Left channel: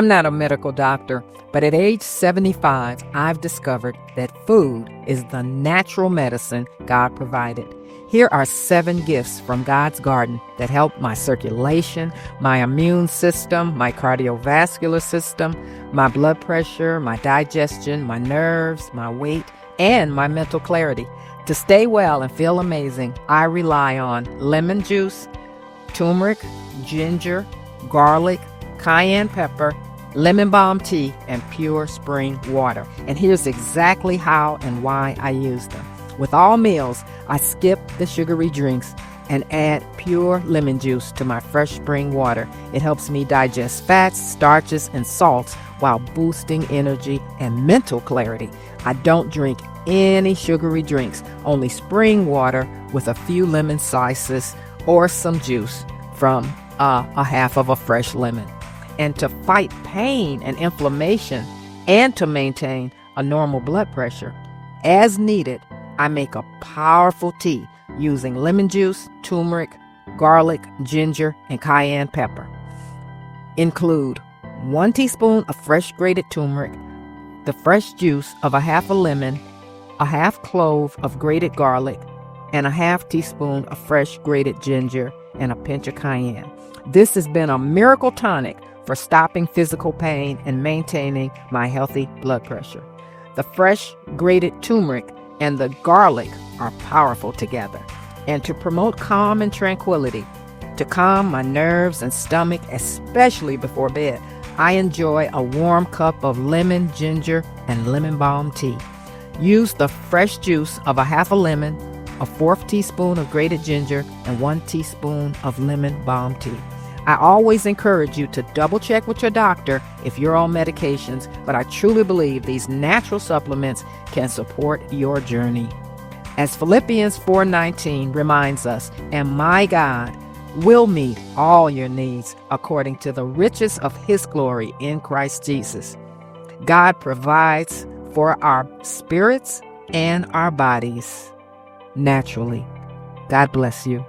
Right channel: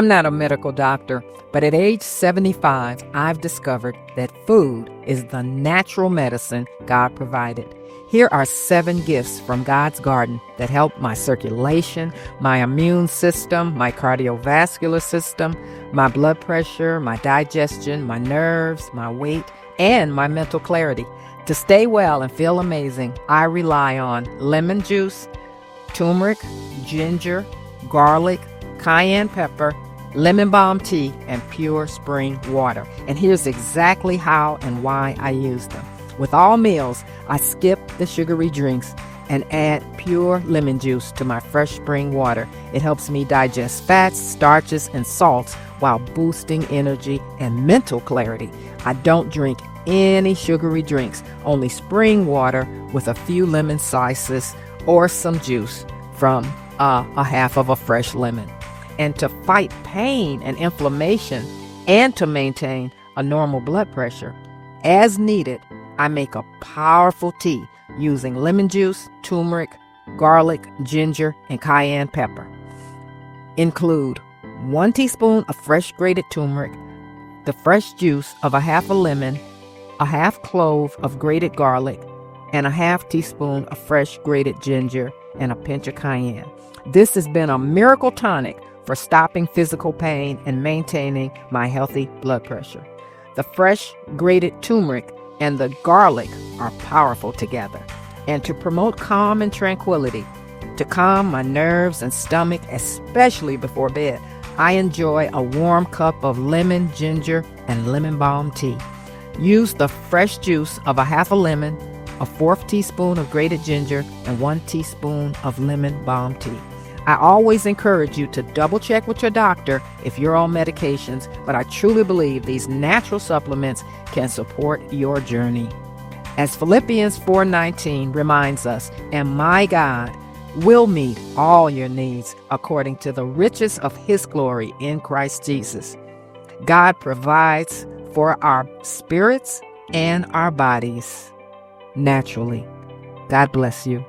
I'm not a medical doctor, but at age 75, I've discovered that food is the natural medicine God provided. Here are 7 gifts from God's garden that help my circulation, my immune system, my cardiovascular system, my blood pressure, my digestion, my nerves, my weight, and my mental clarity. To stay well and feel amazing, I rely on lemon juice, turmeric, ginger, garlic, cayenne pepper, lemon balm tea, and pure spring water. And here's exactly how and why I use them. With all meals, I skip the sugary drinks and add pure lemon juice to my fresh spring water. It helps me digest fats, starches, and salts while boosting energy and mental clarity. I don't drink any sugary drinks, only spring water with a few lemon slices or some juice from a half of a fresh lemon. And to fight pain and inflammation and to maintain a normal blood pressure, as needed, I make a powerful tea using lemon juice, turmeric, garlic, ginger, and cayenne pepper. Include 1 teaspoon of fresh grated turmeric, the fresh juice of a half a lemon, a half clove of grated garlic, and a half teaspoon of fresh grated ginger, and a pinch of cayenne. This has been a miracle tonic for stopping physical pain and maintaining my healthy blood pressure. The fresh grated turmeric and the garlic are powerful together. And to promote calm and tranquility, to calm my nerves and stomach, especially before bed, I enjoy a warm cup of lemon, ginger, and lemon balm tea. Use the fresh juice of a half a lemon, a 1/4 teaspoon of grated ginger, and 1 teaspoon of lemon balm tea. I always encourage you to double check with your doctor if you're on medications, but I truly believe these natural supplements can support your journey. As Philippians 4:19 reminds us, and my God will meet all your needs according to the riches of his glory in Christ Jesus. God provides for our spirits and our bodies naturally. God bless you.